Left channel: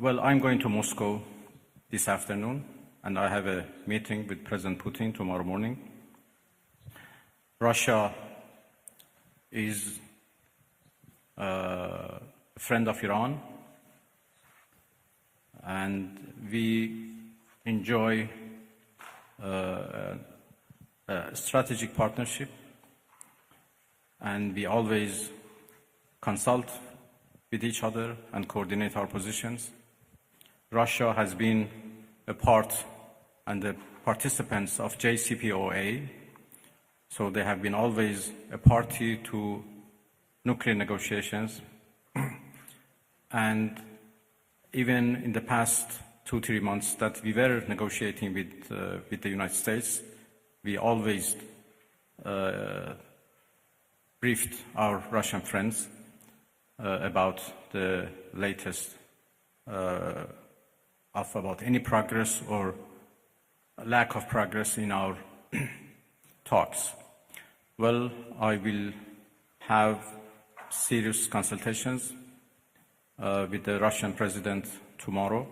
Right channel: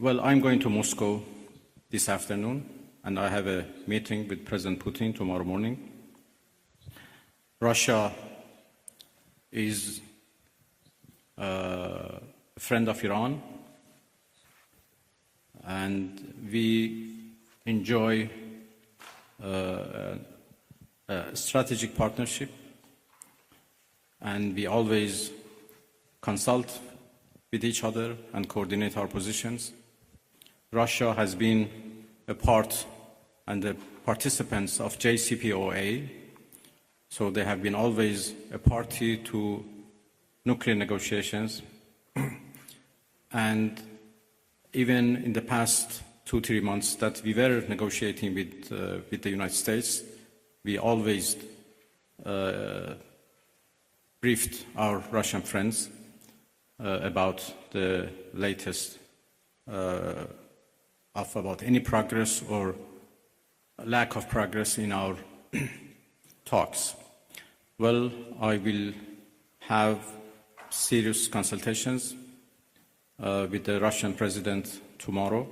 Well, I'm going to Moscow this afternoon, and I have a meeting with President Putin tomorrow morning. Russia is a friend of Iran, and we enjoy a strategic partnership, and we always consult with each other and coordinate our positions. Russia has been a part and the participants of JCPOA, so they have been always a party to nuclear negotiations. And even in the past 2-3 months that we were negotiating with the United States, we always briefed our Russian friends about the latest about any progress or lack of progress in our talks. Well, I will have serious consultations with the Russian president tomorrow,